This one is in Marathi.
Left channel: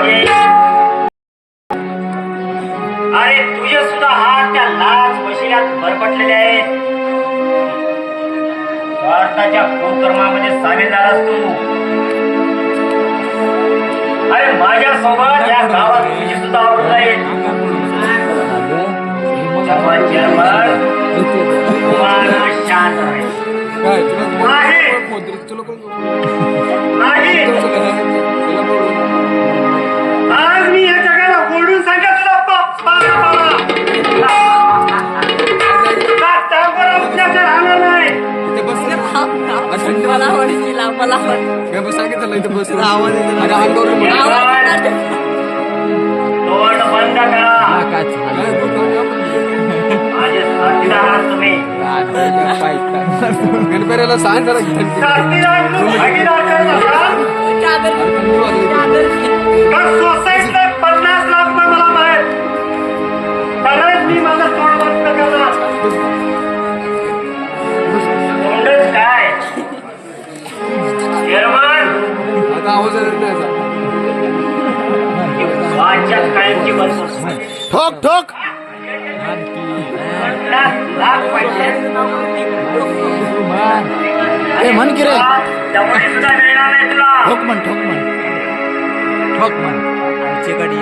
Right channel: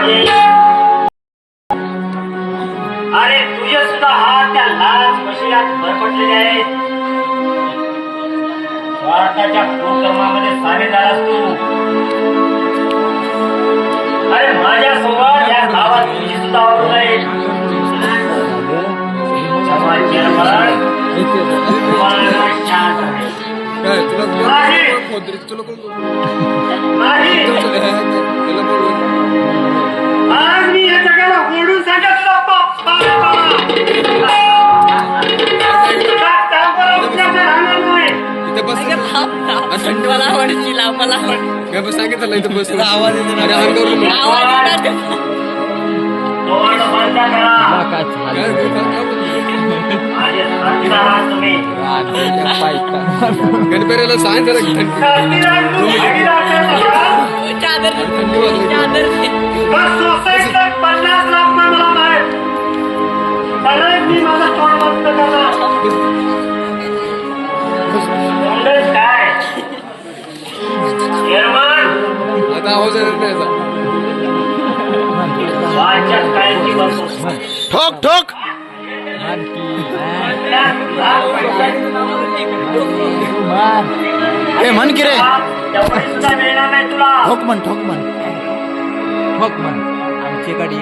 मागे. अरे तुझे सुद्धा हात त्या लाच मशियात भरपटलेले आहेत. भारताच्या कुकर्मामध्ये सामील झालास तू. अरे माझ्यासोबत या गावात तुझी सुद्धा आवड आहे. शांत आहे. नाही आज मी या जगाला ओढून सांगितलं गणपतीला सांग जरा सोसायटीला 50 लाख मला बाहेर परत मी माझा तोंड काय ठोक ठोक ए म्हण की रे ठोक म्हण ठोक म्हण ठोक म्हण आमच्याकडे